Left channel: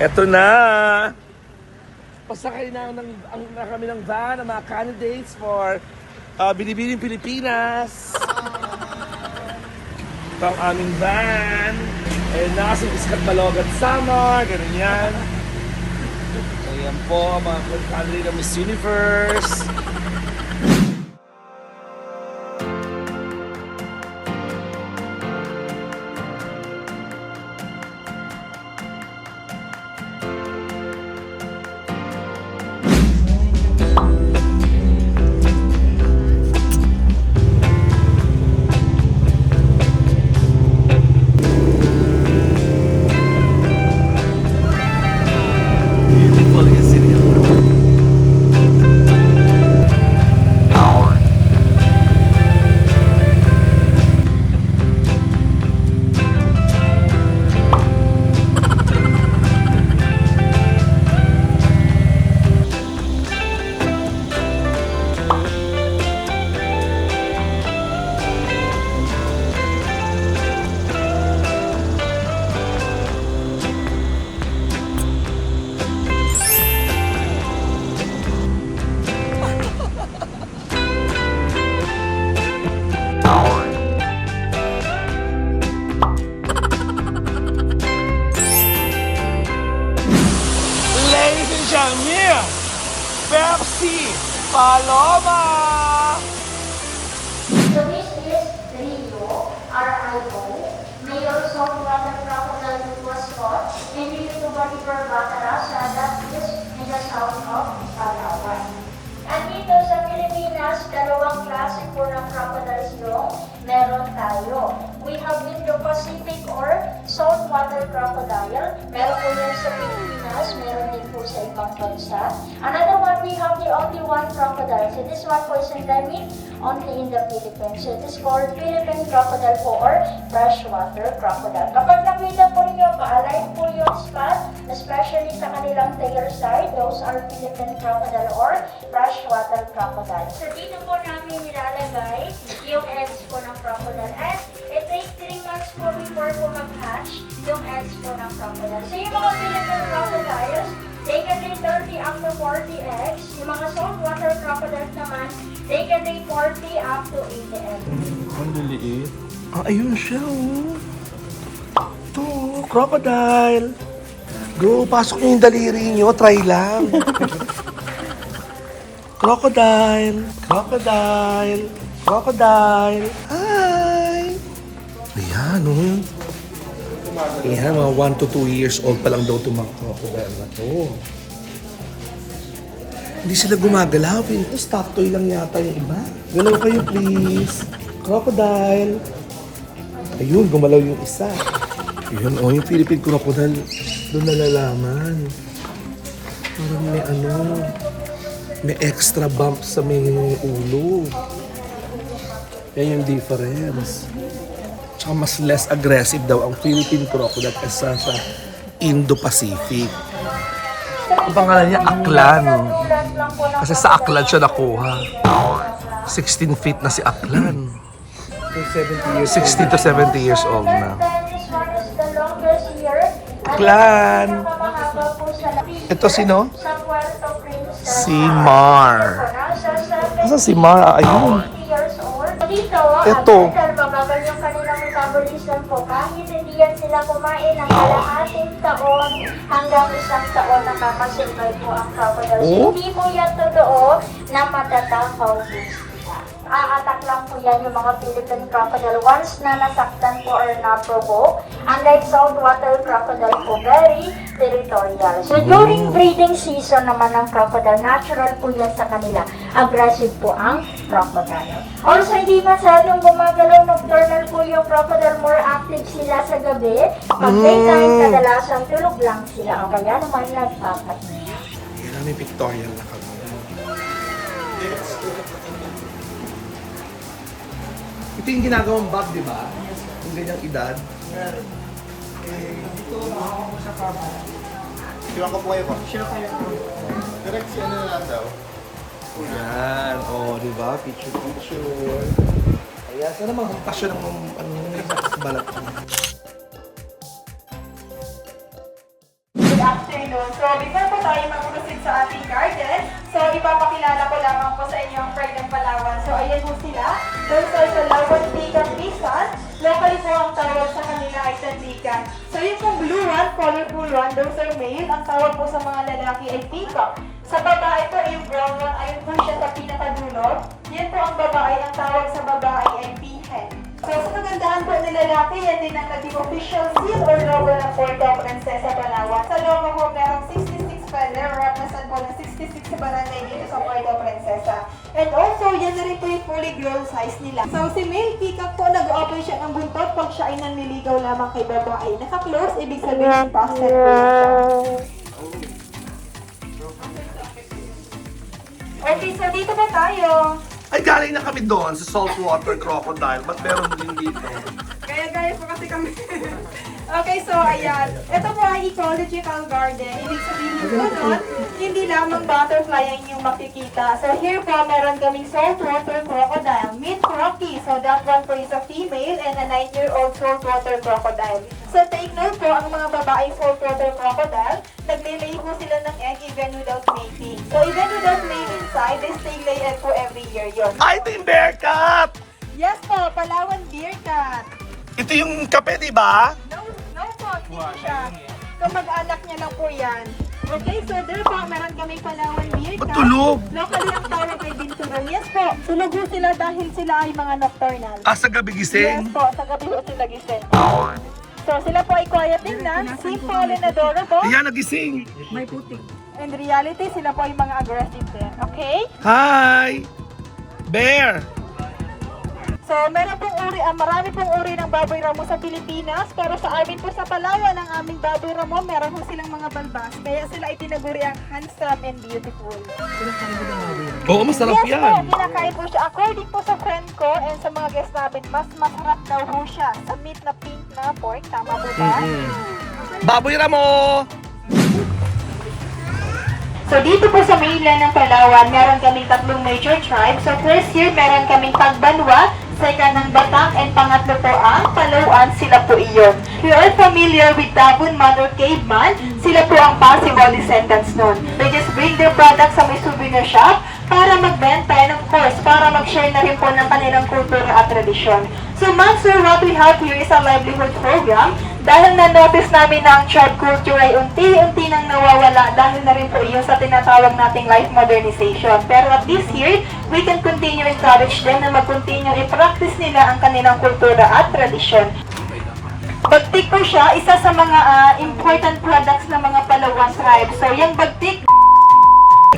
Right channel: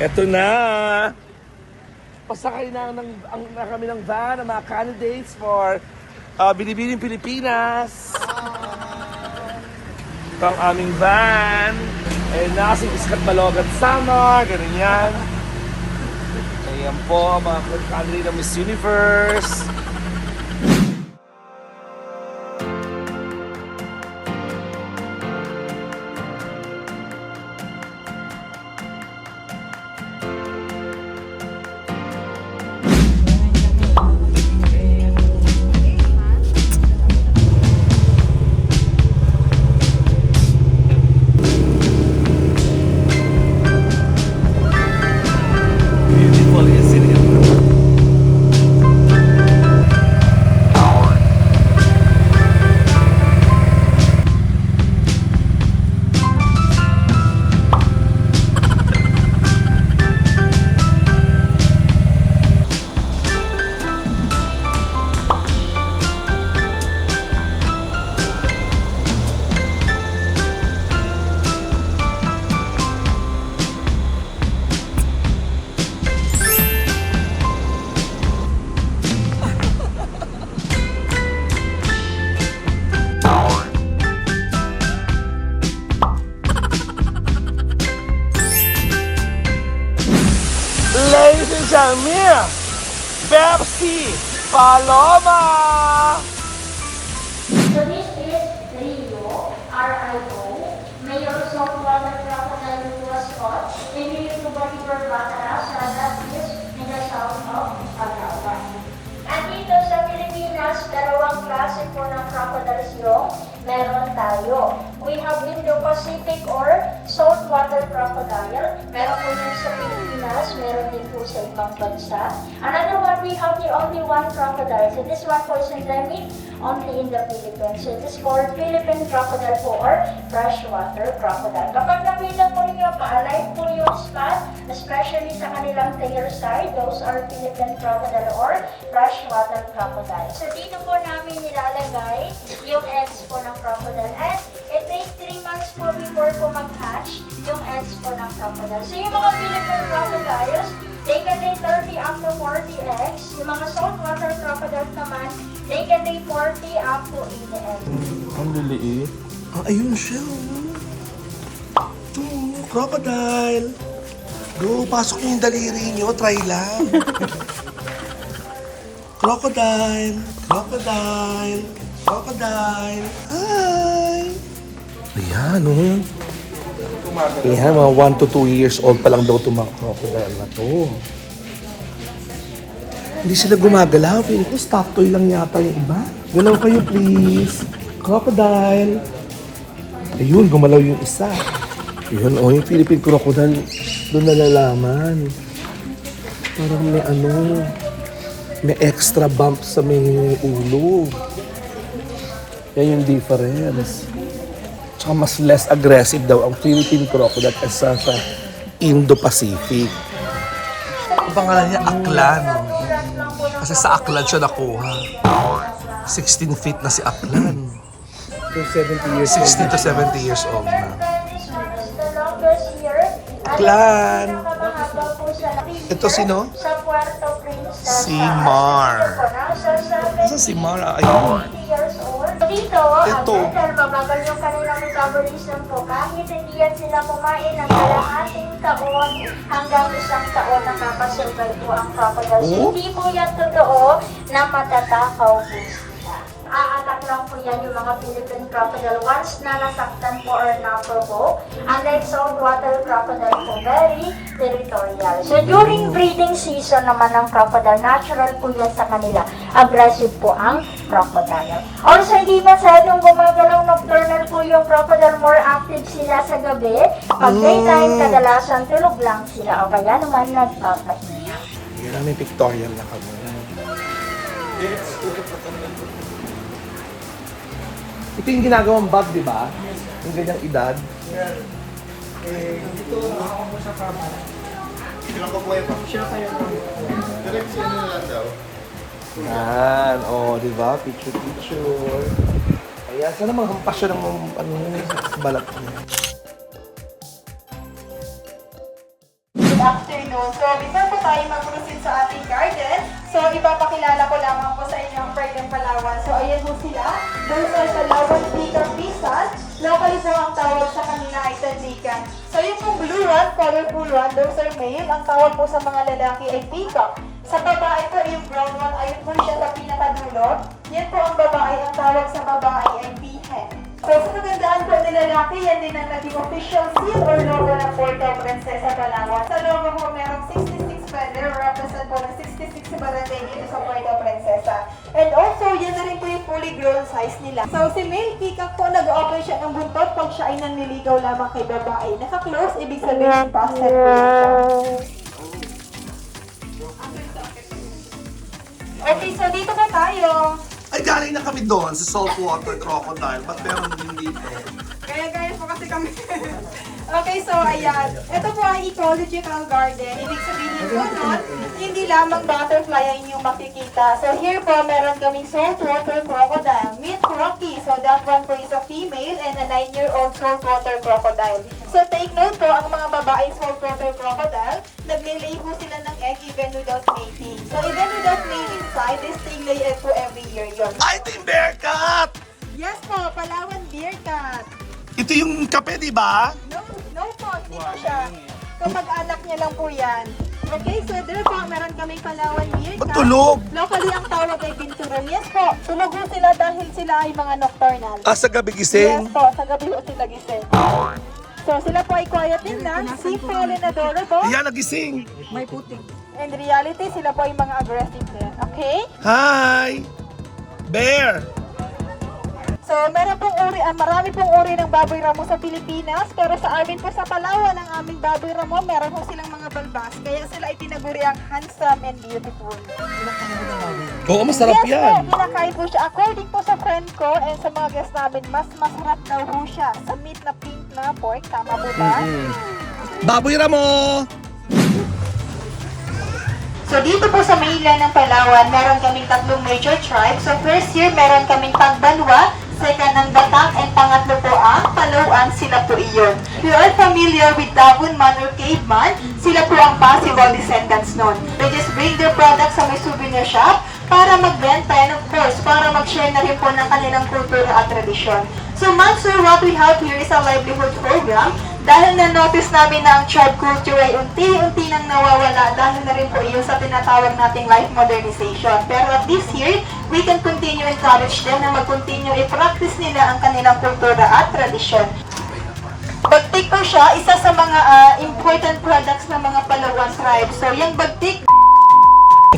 Eto na! Pasakay na kami ng van ng mga candidates for Binibining Pilipinas. Ito ang aming van. Ayun na, kasi Iskat Malogat Summer, ganun yan. Ayan po, mga candidate ng Miss Universe. Pepsi Paloma! So this is Rio, R-I-O, Mayor Saltwater Crocodile who was caught in the Tuba-Tiber Batara sa Datis in the south of Palawan. At dito sa Pilipinas, dalawang klase po ng crocodiles yung meron tayo. We have Indo-Pacific or saltwater crocodile. Meron po yun sa Pilipinas, meron din po sa ibang bansa. Another one, we have the only one crocodile. So this one po is endemic only in the Philippines. So it is called Philippine crocodile po or freshwater crocodile. Kapag nakita po nyo, pa-align po yung spot, especially sa kanilang tail side, those are Philippine crocodile or freshwater crocodile. So dito po namin nilalagay yung eggs po ng crocodile. And it takes 3 months po before po mag-hatch yung eggs po ng crocodile. So yung mga Philippine crocodiles, they can lay 30 up to 40 eggs. Yung mga saltwater crocodiles naman, they can lay 40 up to 80 eggs. Ang liliit. Ah, ayun siya, oh. Ito, crocodile. Go, pasok niyo yung daliri niyo. Try lang. Crocodile. Crocodile. Crocodile. Hi! Ayan, oh. Ayan, mga 1 to 2 years old pa lang daw itong mga crocodile na to. Hindi sila gumagalaw. Ito, stop toy lang yata yung iba. Galaw kayo, please. Crocodile. Ayun, gumalaw yung isa. Ayun, oh, yung Philippine crocodile, doon nalalaman. Parang may may extra bump sa may ulo. Yan yung difference. Tsaka mas less aggressive daw ang Philippine crocodile kaysa sa Indo-Pacific. Ang pangalan niya, Aklan. Kasi sa Aklan siya nakuha. 16 feet na si Aklan. 60 to 70 years old na. Aklan! Ito sino? Si Mar. Asa si Mar? Ayun. Ito. Mabagal yung kanilang metabolism po. Kahit hindi yan sila kumain ng ating taon hanggang 1 taon nakakasurvive po ang crocodiles. Hindi po yan totoo na matatakaw po sila. Aatak lang po yan yung mga Philippine crocodile once na nasaktan po or naprovoke. Unlike saltwater crocodile po, very territorial. So during breeding season naman ng crocodile, natural po yan sa kanila. Aggressive po ang crocodile. Also, hindi masyadong gumagalaw, nocturnal po yung crocodile. More active sila sa gabi. Pag daytime, kadalasan tulog lang sila. O kaya naman nagpapahinga. Yan ang may pictorial na kami. Ito yung ginagawang bag, di ba? Yung ganyang edad. Ito, nakaka mo sa kama. Siya ka po siya kayo. Direksyon na lang daw. Yan, oh, di ba? Picture. Kaya sana magpasya ng balat niya. good afternoon. So, before po tayo mag-proceed sa ating garden, so ipapakilala ko lamang po sa inyo ang Pride ng Palawan. So, ayan po sila. Those are Palawan Peacock Pisan. Locally po ang tawag sa kanila ay Tandikan. So, yung pong blue one, colorful one, those are male. Ang tawag po sa mga lalaki ay peacock. Sa babae po, yung brown one, ayun po siya sa pinakadulo. Yan po ang babae. Ang tawag sa babae ay peahen. So, sa kagandaan po ng lalaki, yan din ang naging official seal or logo ng Puerto Princesa, Palawan. Sa logo po, merong 66 feather, represent po ng 66 barangay dito sa Puerto Princesa. And also, yan na rin po yung fully grown size nila. So, si male peacock po, nag-open siya ng buntot pag siya ay nanliligaw lamang kay babae. Naka-close, ibig sabihin, passive po siya. Okay, so dito po tayo. Ay, galing na kami doon sa saltwater crocodile. Ba't meron din dito? Gaya-gaya po kasi kami. Okay, so ayan. Ito po ay ecological garden. Ibig sabihin po nun, hindi lamang butterfly ang inyong makikita. So here po, meron kaming saltwater crocodile, meat crocky. So that one po is a female and a 9-year-old saltwater crocodile. So take note po, ang mga babaeng saltwater crocodile, naglilay po sila ng egg even without mating. So even without mating side, they still lay egg po every year yun. Ay, ito yung bear cat! Yes po, Palawan bear cat. Ito yung kape, di ba? No po, hindi po siya. Kamag-anak niya lang po yan. Okay, so there po, meron kami Palawan beer Ba't cat. tulog? Locally ang tawag ay binturan. Yes po, tulog po sila dahil sila ay mga nocturnal. Ah, sa gabi Yes gising? po, sa gabi po sila gising. So sila po ay quiet din na, simple and adorable. Ayan, nagising. In reality, sila po ay mga aggressive din. Okay? Hi! Bear! So, meron pong marami pong uri ng baboy ramo sa Pilipinas, pero sa amin po sa Palawan, ang aming baboy ramo, meron po silang mga balbas, kaya sila itinaguri ang handsome and beautiful. Oo, masarap Yes yan. po, kinakain po siya. According po sa friend ko and sa mga guest namin, mas masarap daw po siya sa meat na pink na pork. Tama po ba? Baboy Ramo! So dito po sa mainland ng Palawan, meron kaming tatlong major tribes. So first here, meron kaming Pagbanwa, second ang Batak, and pangatlo po ang Palauan, sila po iyon. We are familiar with Tabunman or Caveman, sila po ang possible descendants nun. They just bring their products sa may souvenir shop para magbenta and of course, para mag-share na rin po ng kanilang kultura at tradisyon. So ma'am sir, what we have here is a livelihood program. Dahil na-notice namin na ang tribe culture ay unti-unti nang nawawala dahil na rin po iyon sa tinatawag nating life modernization. Pero at this year, we can continue encourage them na mag-continue i-practice nila ang kanilang kultura at tradisyon. Bagtik po siya, isa sa mga important products ng mga Palawan tribe. So yung bagtik,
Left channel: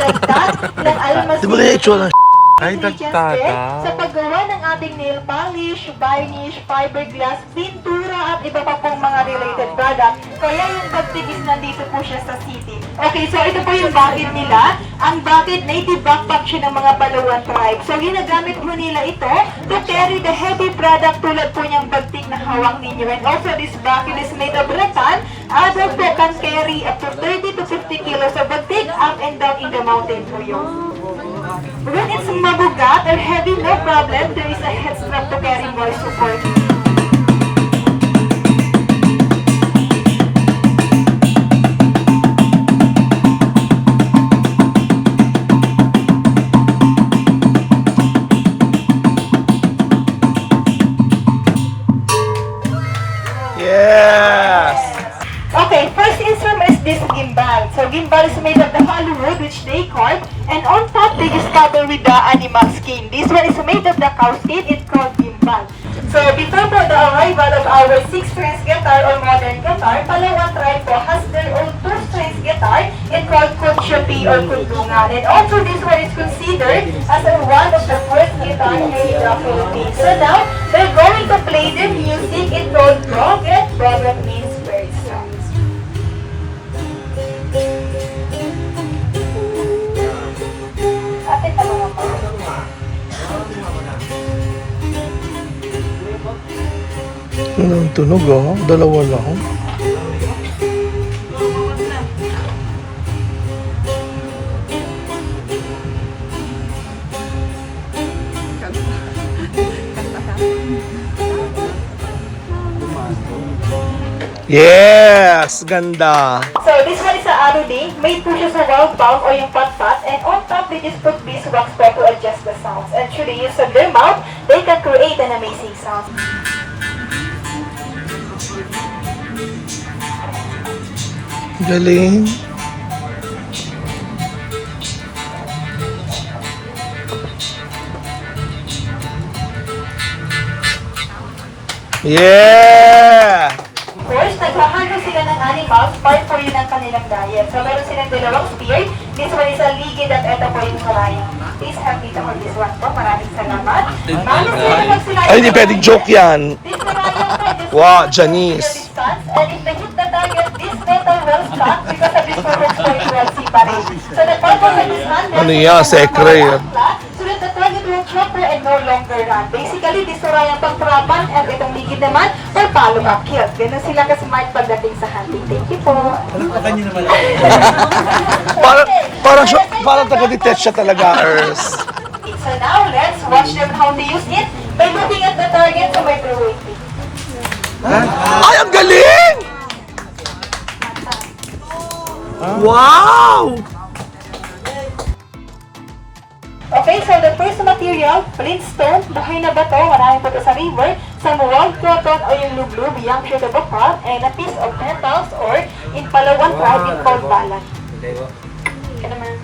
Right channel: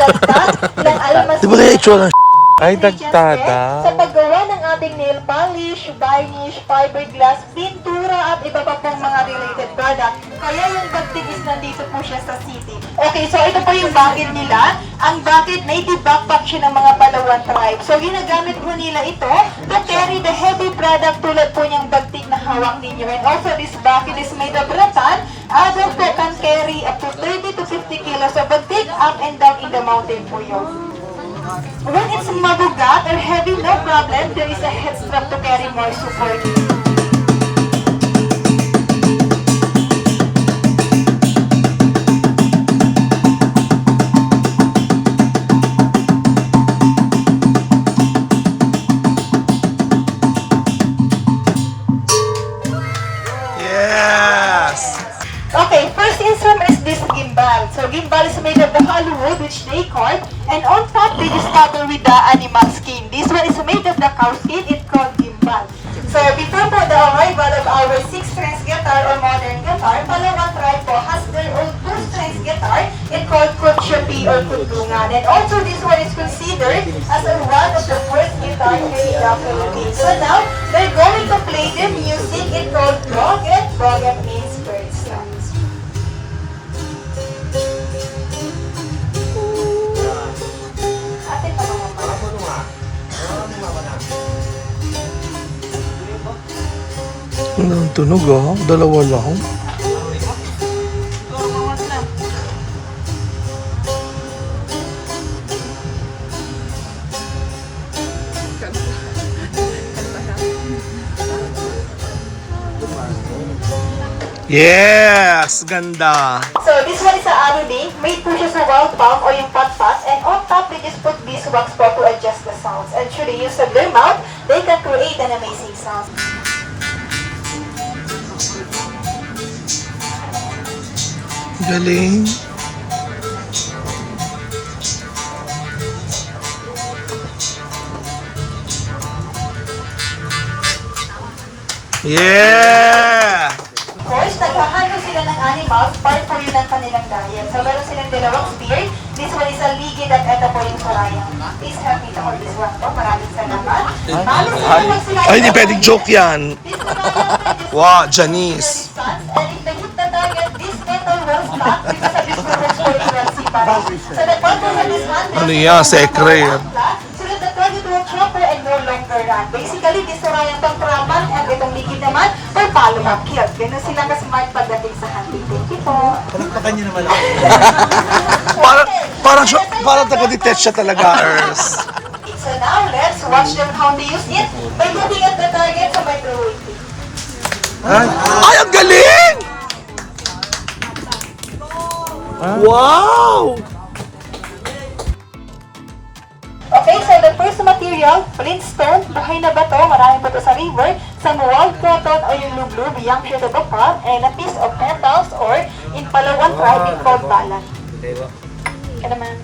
dagdag ng almas. Di ba kaya itsura ng Ay, dagtada. Sa paggawa ng ating nail polish, varnish, fiberglass, pintura, at iba pa pong mga related product. Kaya yung bagtig is nandito po siya sa city. Okay, so ito po yung bucket nila. Ang bucket, native backpack siya ng mga Palawan tribe. So ginagamit po nila ito to carry the heavy product tulad po niyang bagtig na hawak ninyo. And also this bucket is made of rattan. Adult po can carry up to 30 to 50 kilos of bagtig up and down in the mountain po yun. When it's mabugat or heavy, no problem. There is a head strap to carry more support. Yes! Okay, first instrument is this gimbal. So gimbal is made of the hollow wood which they carve, and on top they just cover with the animal skin. This one is made of the cow skin. It's called gimbal. So before po the arrival of our 6-strings guitar or modern guitar, Palawan tribe po has their own 2-strings guitar. It's called kutsupi or kudungan. And also this one is considered as one of the first guitar here in the Philippines. So now they're going to play their music. It's called broget. Broget means bird sounds. Atin pa naman po. Ang tunog oh, dalawa lang. Yes! Ganda! So this one is a arudi. Made po siya sa wild palm or yung pat-pat. And on top, they just put beeswax po to adjust the sounds. And through the use of their mouth, they can create an amazing sound. Galing. Yeah! Of course, naghahandle sila ng animals, part po yun ng kanilang diet. So meron silang dalawang spear. This one is a ligid at ito po yung sarayang. Please help me to hold this one po. Maraming salamat. Mano sila pag sila... Ay, hindi pwedeng joke yan. This sarayang po, this Wow, Janice. distance, and if the hit the target, this metal will stop because of this purpose for it will separate. So the purpose of this handle Ano is yan, to secret? so that the target will drop her and no longer run. Basically, this sarayang pangtrapan and itong ligid naman for follow-up kills. Ganun sila ka-smart pagdating sa hunting. Thank you po. Parang taga-detach siya talaga, Ers. So now, let's watch them how to use it by looking at the target so by waiting. Ay, ang galing! Wow! Okay, so the first material, flintstone, buhay na bato, marami pa ito sa river, some wild cotton o yung lublub, young shoot of a palm, and a piece of petals or in Palawan tribe, in called balan. Yan naman.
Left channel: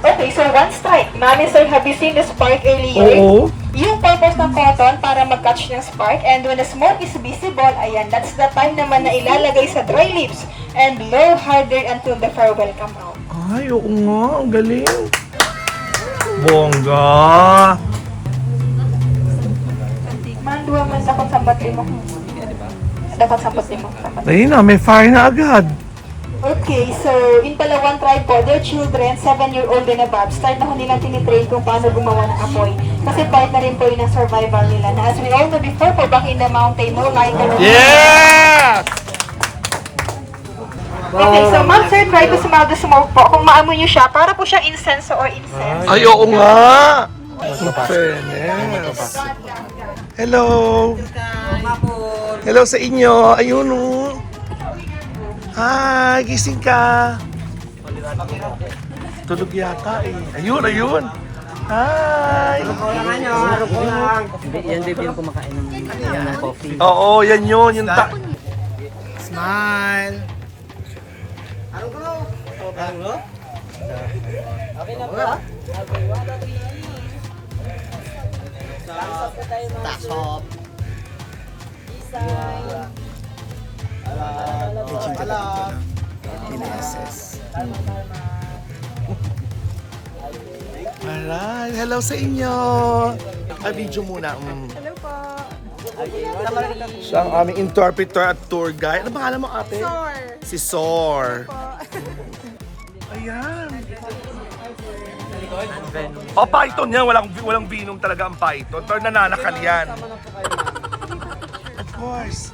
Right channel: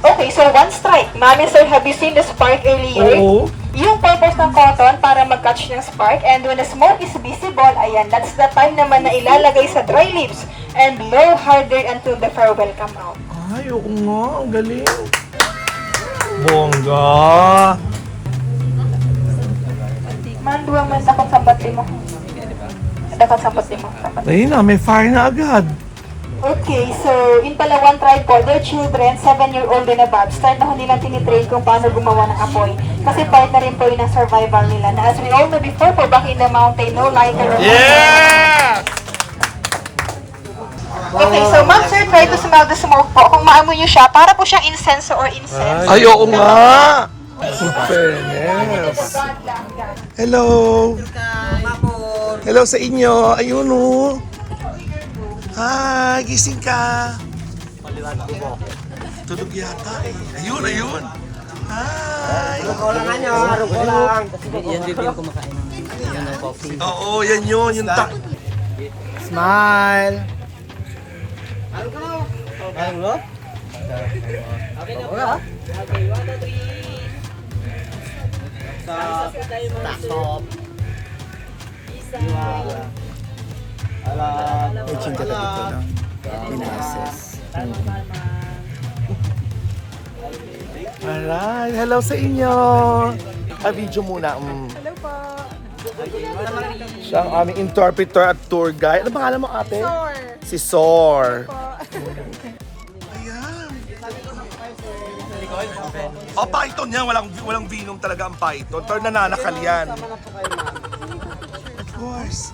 Okay, so one strike. Mami, sir, have you seen the spark earlier? Oo. Yung purpose ng cotton para mag-catch ng spark, and when the smoke is visible, ayan, that's the time naman na ilalagay sa dry leaves and blow harder until the fire will come out. Ay, oo nga. Ang galing. Bongga. Mandua man dakot sambat mo. Dakot sambat mo. Ayun na, may fire na agad. Okay, so in Palawan tribe po, their children, 7-year-old and above, start na ho nilang tinitrain kung paano gumawa ng apoy. Kasi part na rin po yun ang survival nila. Na as we all know before, po back in the mountain, no lighter or Yeah! Okay, so ma'am sir, try to smell the smoke po. Kung maamoy niyo siya, para po siyang incense or incense. Ay, oo nga. Fairness. Hello. Hello sa inyo. Ayun o. Hi, gising ka. Tulog yata eh. Ayun, ayun. Hi. Oo, yan yun. Yung Smile. Stop. Alright, hello sa inyo. Video muna. Hello po. Siya ang aming interpreter at tour guide. Ano pangalan mo, ate? Sor. Si Sor. Po. Ayan. Oh, python yan. Walang binong talaga ang python. Pero nananakal yan. Of course.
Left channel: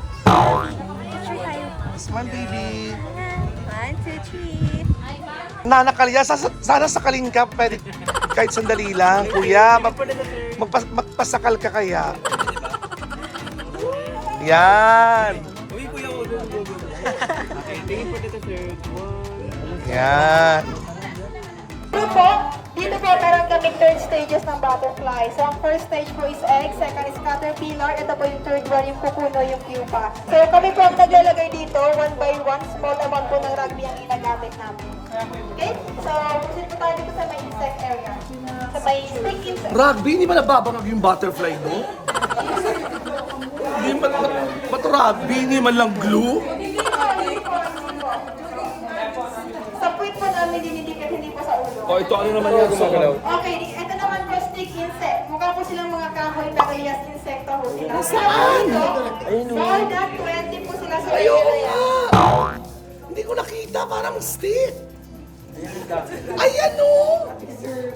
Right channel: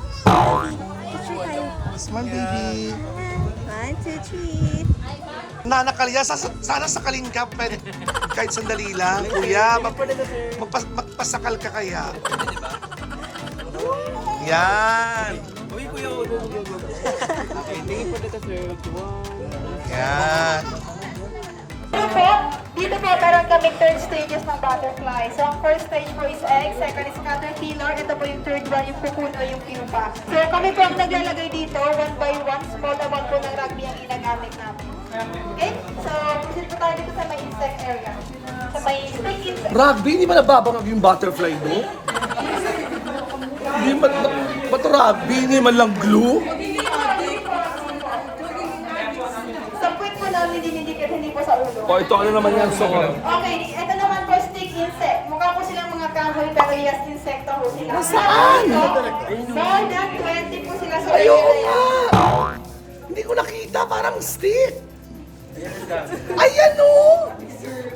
Yes, man, baby. 1, 2, 3. Nanakal yan. Sana sakalin ka. Pwede, kahit sandali lang. Kuya, magpasakal ka kaya. Yan. Uy, kuya, go. Okay, tingin po dito, sir. Yan. Dito po parang kami third stages ng butterfly. So ang first stage po is egg, second is caterpillar, ito po yung third one, yung pupuno, yung pupa. So kami po ang naglalagay dito, one by one, small amount po ng rugby ang inagamit namin. Okay? So, proceed po tayo dito sa may insect area. Sa may stick insect. Rugby, hindi ba nababangag yung butterfly do? Hindi ba ito rugby? Hindi man lang glue? Sa puwit po namin dinidikit, hindi po sa ulo. O, ito ano naman yan? Okay, ito naman po stick insect. Mukha po silang mga kahoy pero yes, insekto po sila. Saan? More than 20 po sila sa area na yan. Hindi ko nakita, parang stick. Ayan o!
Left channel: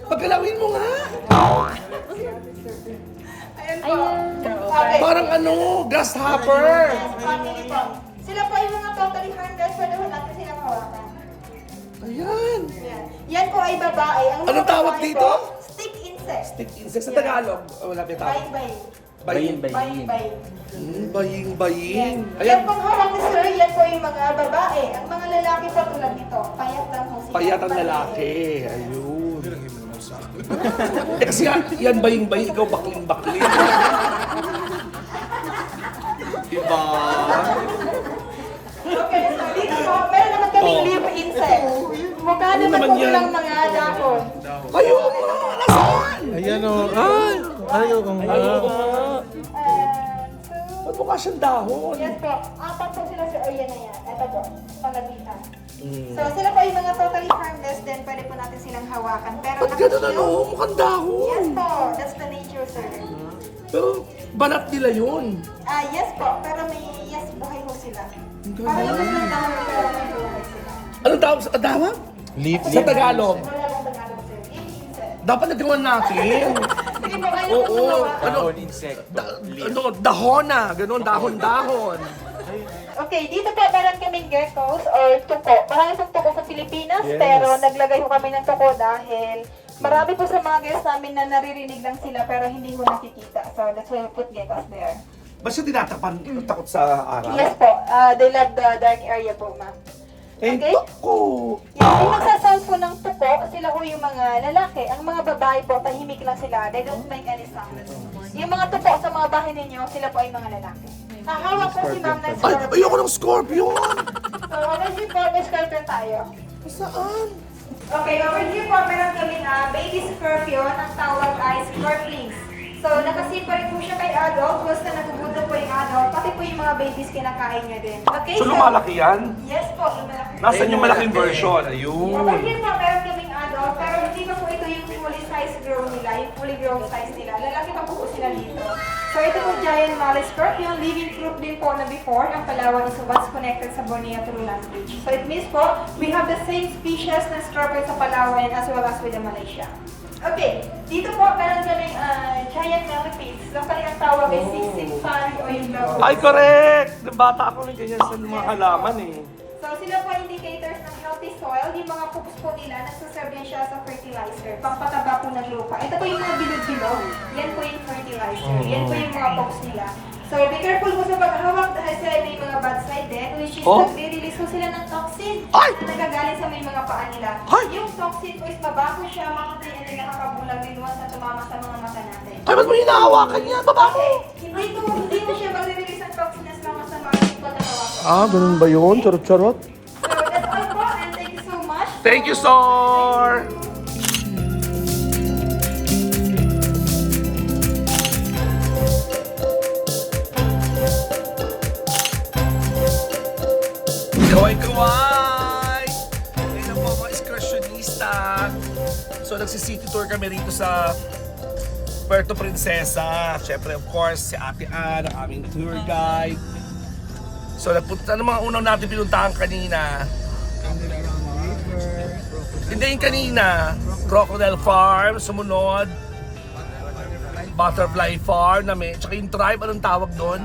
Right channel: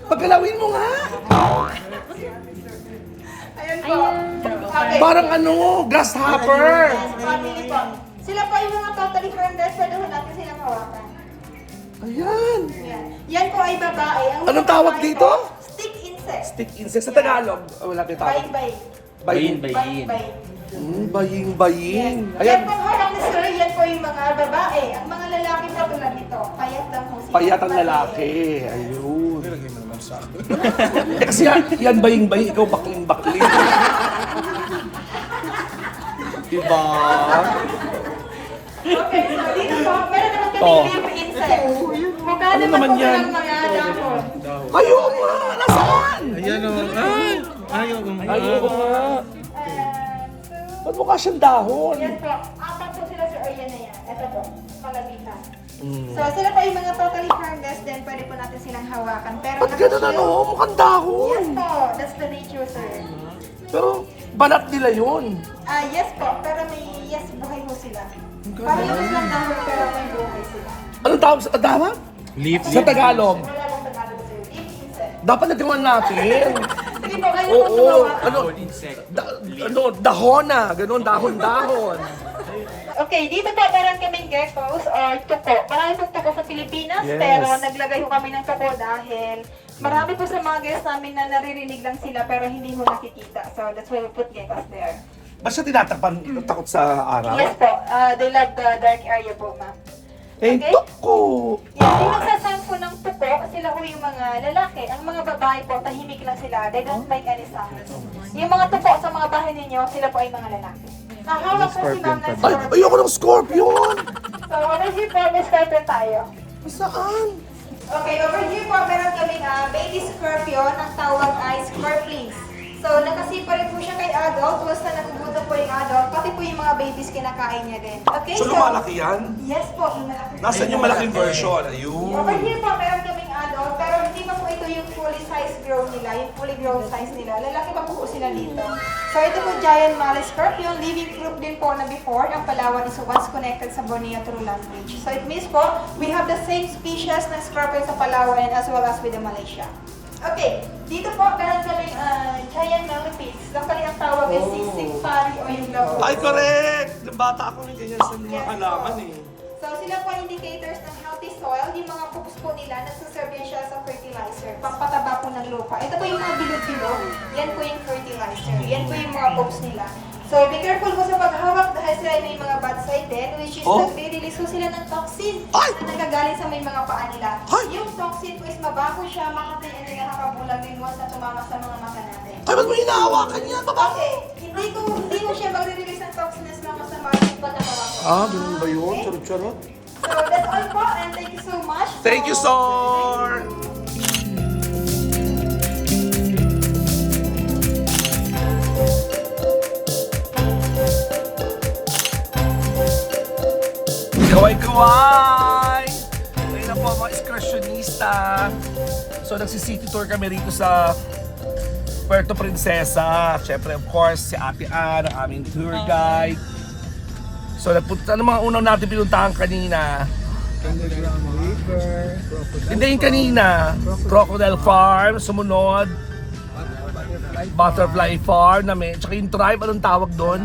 Paggalawin mo nga. Ayan po. Okay. Parang ano, grasshopper. Family po. Sila po yung mga totally harmless, so doon natin sila mawakan. Ayan. Yan. Yan po ay babae. Ang Anong mga tawag babae dito? po, stick insect. Stick insect sa Tagalog. Wala kita. Bye-bye. Bayin. Bayin. Bayin. Yan pong hawak ni sir, yan po yung mga babae. Ang mga lalaki pa tulad nito, payat lang po sila. Payat ang lalaki. Ayun. Eh, kasi yan bayin, ikaw bakling. Diba? Okay, so dito po, meron naman kami Oh. live insect. Magkano Ano naman naman po yan? yung mga dahon? Ayun nga! Nasaan? Ayan o. Ayun. Ayun nga. Ba't mukha siyang dahon? Yan po, apat po sila sa area na yan. Ito po, palabitan. Mm. So sila po yung mga totally harmless, then pwede po natin silang hawakan. Pero Ba't ganun ano? Mukhang dahon. Yes po, that's the nature sir. Pero balat nila yun. Yes po, pero may yes, buhay po sila. Parang yung lang naman sila, may buhay sila. Ano tawag sa tama? Leaf. Sa Tagalog. Wala lang Tagalog sir, live insect. Dapat nagawan natin. Hindi po, kayo Oo. po gumawa. Ano? Dahona. Ganun, dahon-dahon. Okay, dito po meron kaming geckos or tuko. Marami pong tuko sa Pilipinas, pero naglagay ko kami ng tuko dahil marami po sa mga guests namin na naririnig lang sila pero hindi mo nakikita. So that's why we put geckos there. Ba't siya tinatakpan? Takot sa araw? Yes po, they love the dark area po, ma'am. Eh, Okay? ako. Yung pinagsasound po ng tuko, sila po yung mga lalaki. Ang mga babae po, tahimik lang sila. They don't make any sound. Yung mga tuko sa mga bahay ninyo, sila po ay mga lalaki. Nakahawak po si ma'am ng Ay, scorpion. ayoko ng scorpion. So, ano si Promise Scorpion tayo? Saan? Okay, over here po, meron kaming baby scorpion. Ang tawag ay scorpions. So, nakasipa rin po siya kay adult. Basta nagugutom po yung adult. Pati po yung mga babies kinakain niya din. Okay, So lumalaki yan? Yes po, yung malaki. Nasaan yung malaking version? Over Ayun. here po, meron kaming adult. Pero hindi pa po ito yung fully size grown nila. Yung fully grown size nila. Lalaki pa po sila dito. So, ito po giant Malay scorpion. Living proof din po na before ang Palawan is once connected sa Borneo through land bridge. So, it means po, we have the same species ng scorpion sa Palawan as well as with the Malaysia. Okay, dito po meron kaming giant millipedes. Locally ang tawag ay siksik pari o yung labo. Ay, correct! Bata ako rin ganyan sa mga halaman eh. So sila po indicators ng healthy soil. Yung mga poops po nila, nagsaserve yan siya sa fertilizer. Pampataba po ng lupa. Ito po yung mga bilog-bilog. Yan po yung fertilizer. Yan po yung mga poops nila. So be careful po sa paghawak dahil sila ay may mga bad side din, which is nagre-release po sila ng toxin Ay! na nagagaling sa may mga paa nila. Ay! Yung toxin po is mabaho siya, makatay and then nakakabulag din once na tumama sa mga mata natin. Ay, ba't mo hinahawakan niya? Baba mo! Hindi ko siya magre-release ng toxin as long as sa mga pagkakawasan. Ah, ganun ba yun? Charot-charot? So that's all po and thank you so much. Thank you, Sor! Kaway-kaway! Ayun na po mga excursionista. So nagsi-city tour kami rito sa Puerto Princesa. Siyempre, of course, si Ate Ann, ang aming tour guide. So nagpunta ng mga unang natin pinuntahan kanina. Hindi yung kanina, Crocodile Farm, sumunod, Butterfly Farm namin, tsaka yung tribe, anong tawag doon?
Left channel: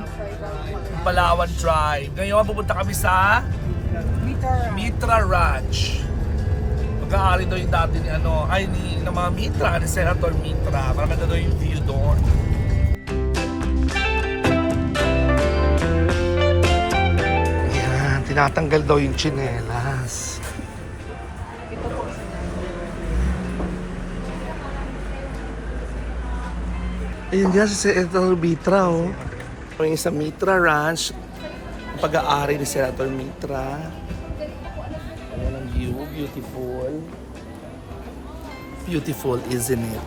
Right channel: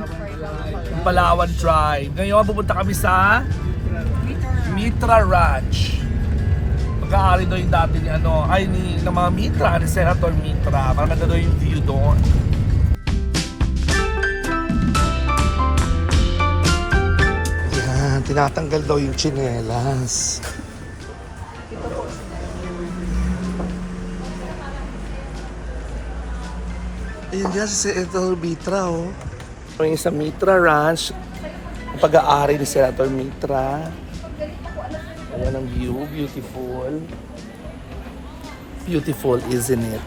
Yung Palawan Tribe. Ngayon, pupunta kami sa Mitra Ranch. Pagkaari doon yung dati ni ng mga Mitra, ni Senator Mitra. Maganda doon yung view doon. Yan, tinatanggal daw yung tsinelas. Ayun dyan si Senator Mitra, oh. Yung sa Mitra Ranch, ang pag-aari ni Senator Mitra. Ayan ang view, beautiful. Beautiful, isn't it?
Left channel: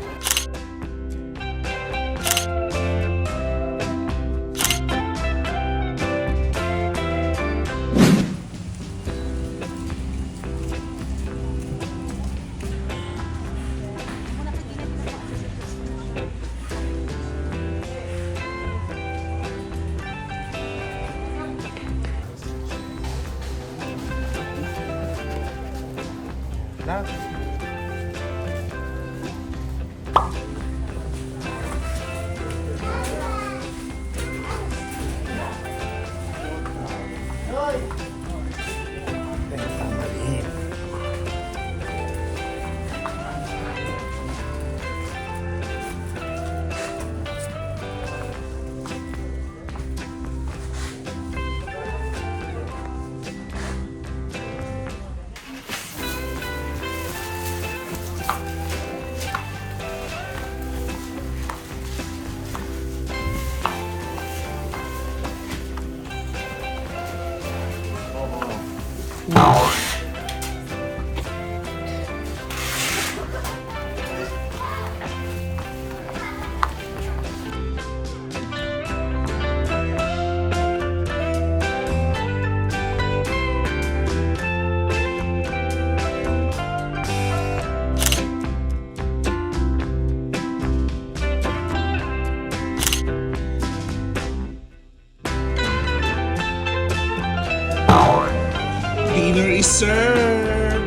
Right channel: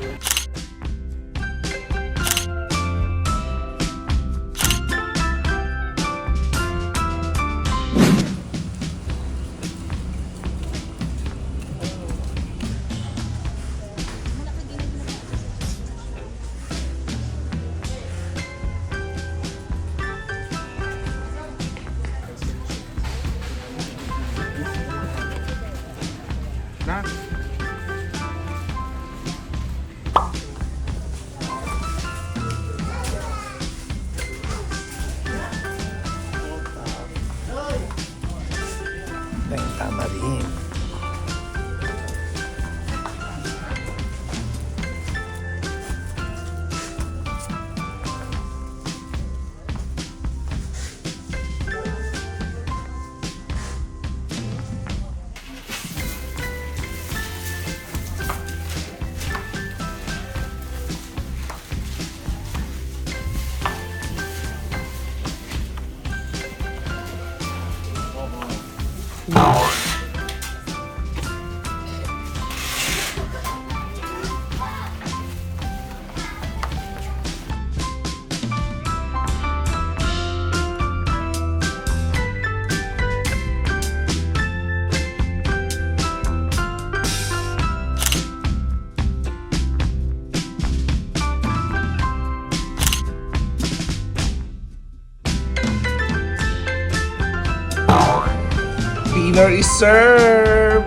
Dinner is served!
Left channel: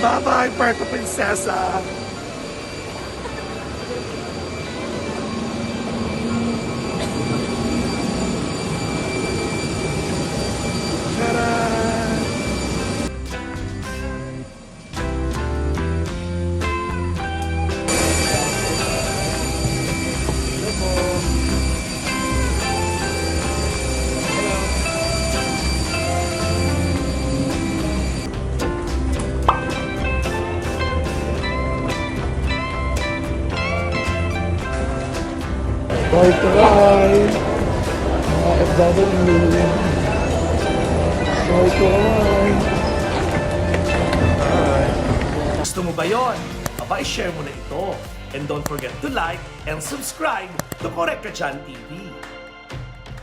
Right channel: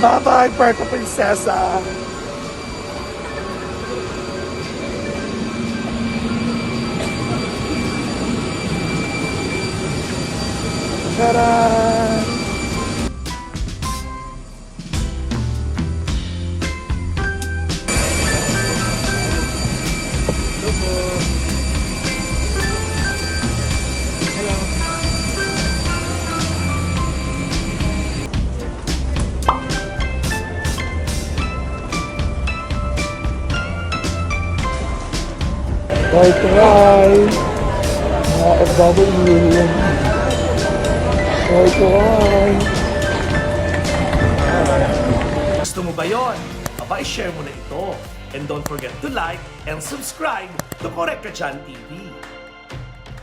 Bye-bye, Puerto Princesa! Ta-da! Try! Mga FW! Try! Gusto mo ba yon? Aba, i-share mo na ito. And don't forget to like and subscribe to Correct Ka Dyan TV.